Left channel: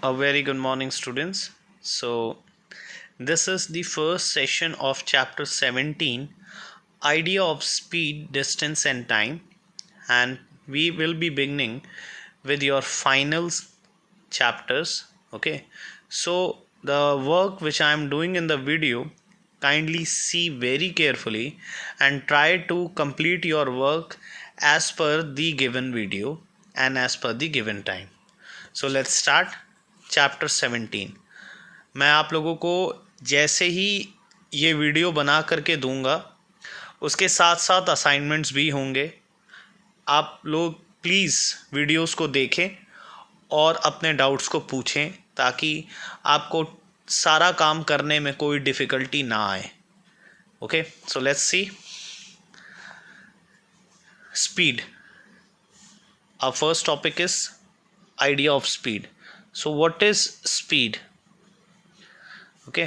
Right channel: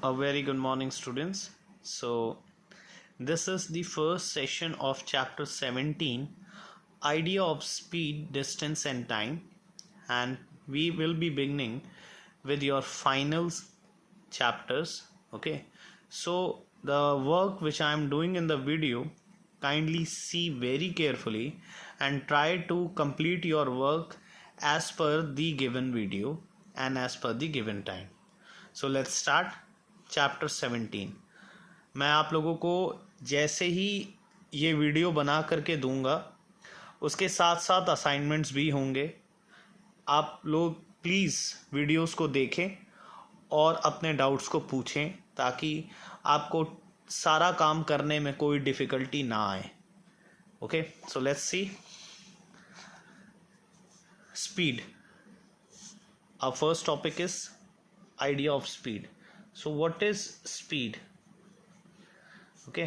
A very good morning, students. So, this is the first session of chapter 17, Idea of Speed, Distance, and Time, and we will be beginning with your finals chapters. Okay, so the work which I am doing in the video, kindly see very carefully and try to complete your work as per the given video and as per the given time. So let's start chapter 17। मैं आप लोगों को जैसे ही ये video बना करके दूंगा उसके साथ साथ असाइनमेंट्स भी होंगे। आप लोग प्लीज़ वीडियोस को देखें और अपने डाउट्स को पूछें ताकि आपको सारा काम करने में कोई डिफ़िकल्टी ना आए। Okay, so let's see speed. Our first topic is idea of speed. So what is speed? Okay,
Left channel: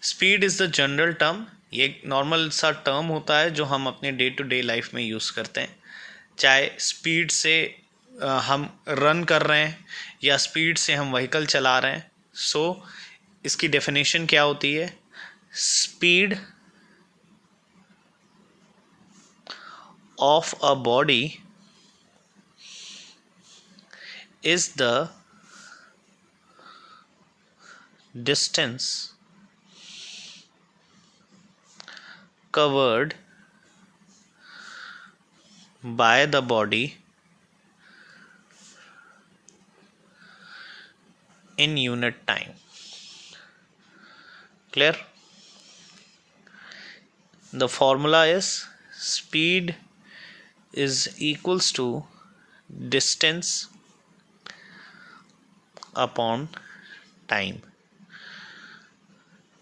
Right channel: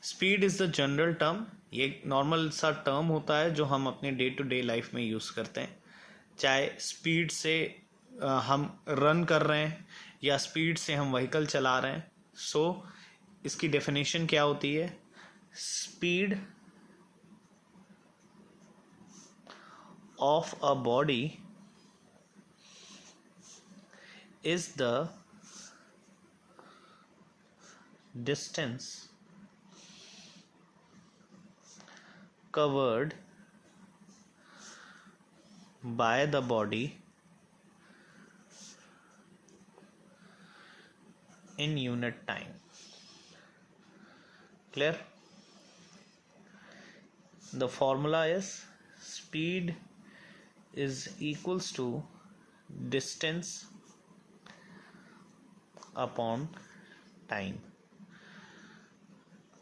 speed is the general term. ये एक नॉर्मल सा टर्म होता है जो हम अपने डे टू डे लाइफ में यूज़ करते हैं। चाहे स्पीड से हम रन कर रहे हैं या स्पीड से हम व्हीकल चला रहे हैं। सो इसकी डेफिनेशन क्या होती है? Speed of a body is the distance covered by the body in unit time. Clear? The formula is speed is equals to distance upon time.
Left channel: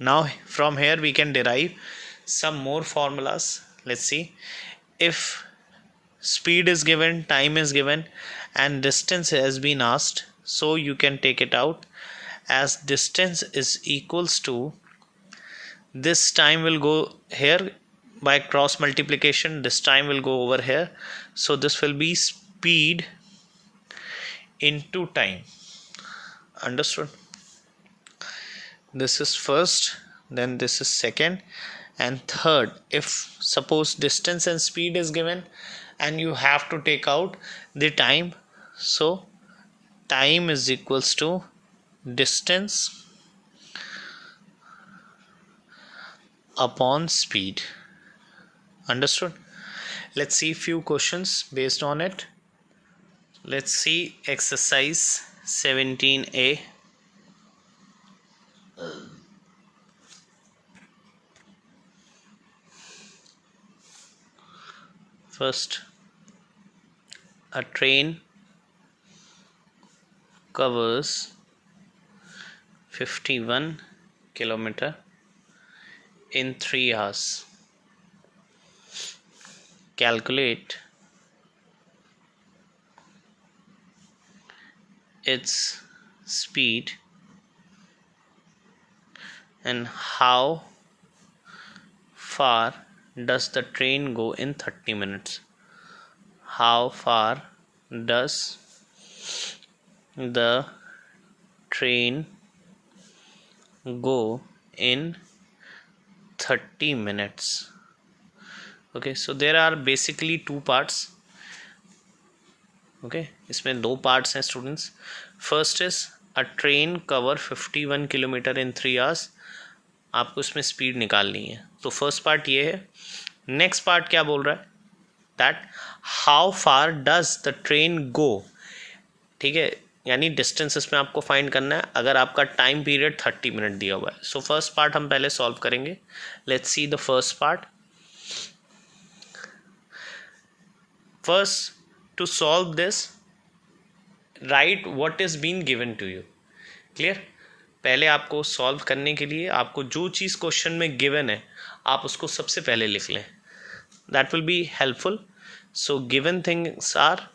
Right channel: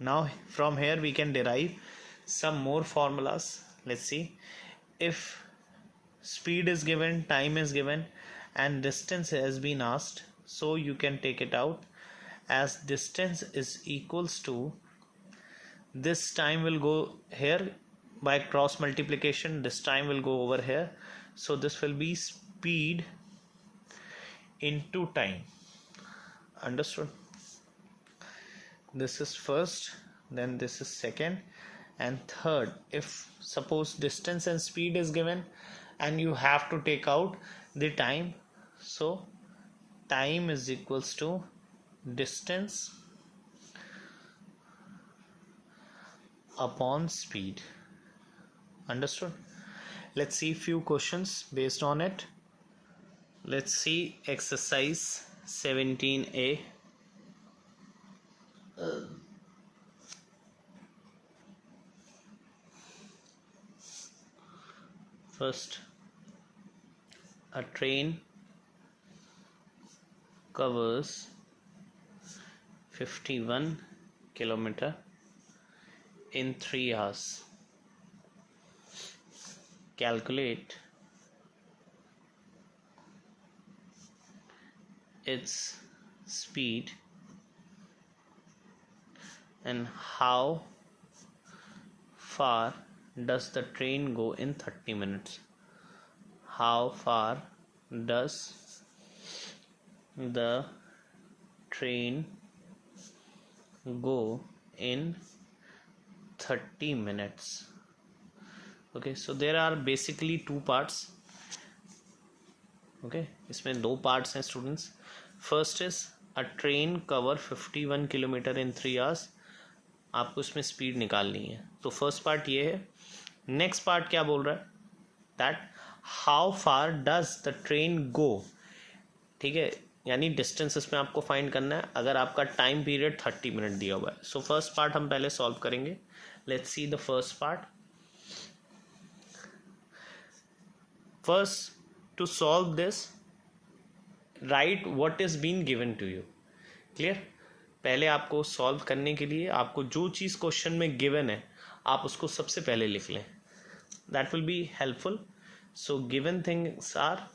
Now from here we can derive some more formulas. Let's see. If speed is given, time is given, and distance has been asked, so you can take it out as distance is equals to, this time will go here by cross multiplication, this time will go over here, so this will be speed into time. Understood? This is first, then this is second, and third. If suppose distance and speed is given and you have to take out the time, so time is equals to distance upon speed. Understood? Let's see few questions based on it. Let's see exercise 17A. First, a train covers 51 kilometer in 3 hours. Calculate its speed and how far does the train go in 30 minutes. How far does the train go in 30 minutes? Okay, so there are basically two parts. Okay इसमें दो parts हैं students. First is a train cover 51 kilometre in 3 hours. आपको इसमें speed निकालनी है. तो first part ये है. नेक्स्ट पार्ट क्या बोल रहा है? That how far does the train गो. ठीक है, यानी डिस्टेंस इसमें आपको फाइंड करना है अगर आपका टाइम पीरियड 30 मिनट दिया हुआ है. सो फर्स्ट पार्ट हम पहले सॉल्व करेंगे. Let's see the first part. First, to solve this, write what is being given to you. Clear? पहले आपको सॉल्व करने के लिए आपको जो चीज़ क्वेश्चन में गिवन है आप उसको सबसे पहले लिख लें. That will be helpful. So given things are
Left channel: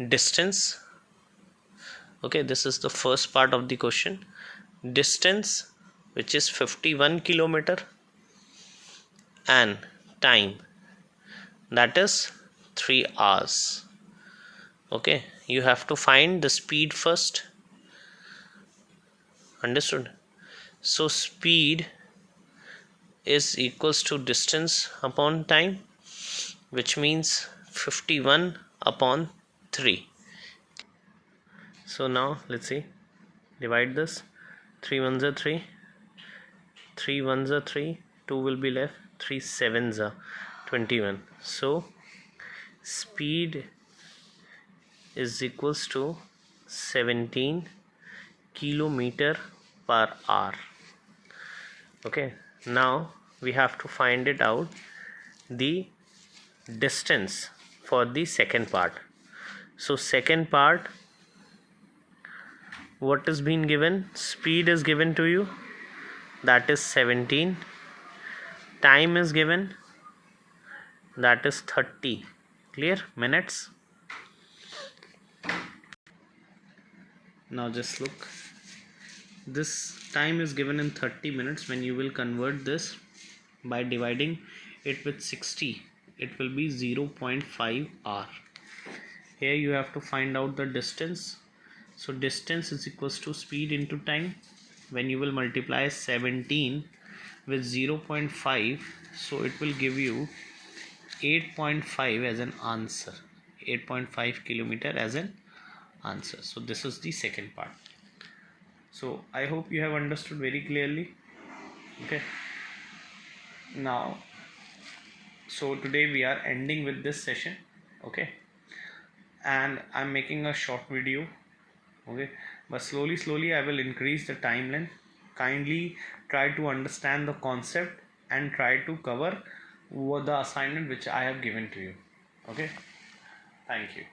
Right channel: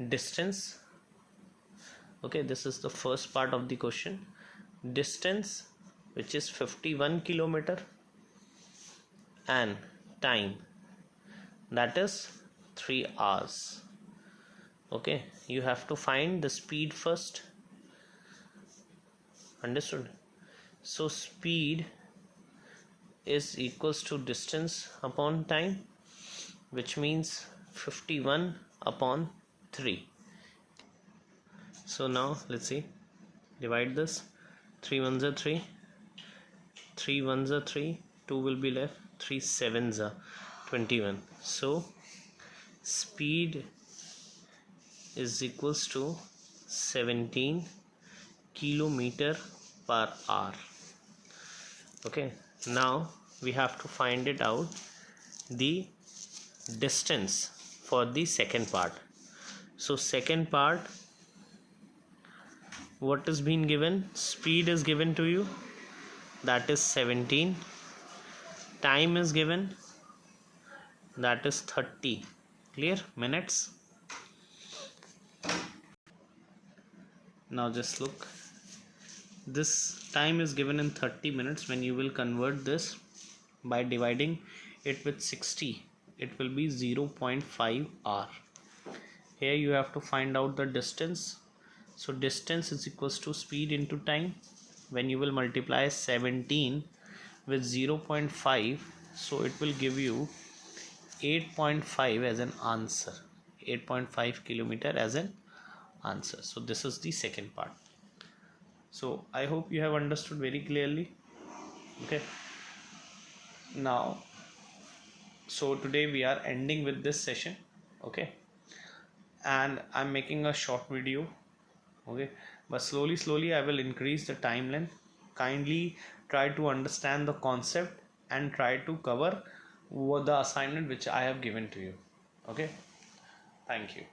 distance. Okay, this is the first part of the question. Distance which is 51 kilometer and time that is 3 hours. Okay, you have to find the speed first. Understood? So speed is equals to distance upon time, which means 51 upon 3. So now let's see, divide this. 3 ones are 3, 3 ones are 3, 2 will be left, 3 sevens are 21. So speed is equals to 17 kilometer per hour. Okay, now we have to find it out the distance for the second part. So second part, what is being given? Speed is given to you, that is 17. Time is given, that is 30. Clear? Minutes. Now just look, this time is given in 30 minutes. When you will convert this by dividing it with 60, it will be 0.5 hour. Here you have to find out the distance. So distance is equals to speed into time. When you will multiply 17 with 0.5, so it will give you 8.5 as an answer, 8.5 kilometer as an answer. So this is the second part. So I hope you have understood very clearly. Okay, now so today we are ending with this session. Okay, and I'm making a short video. Okay, but slowly I will increase the time length. Kindly try to understand the concept and try to cover the assignment which I have given to you. Okay, thank you.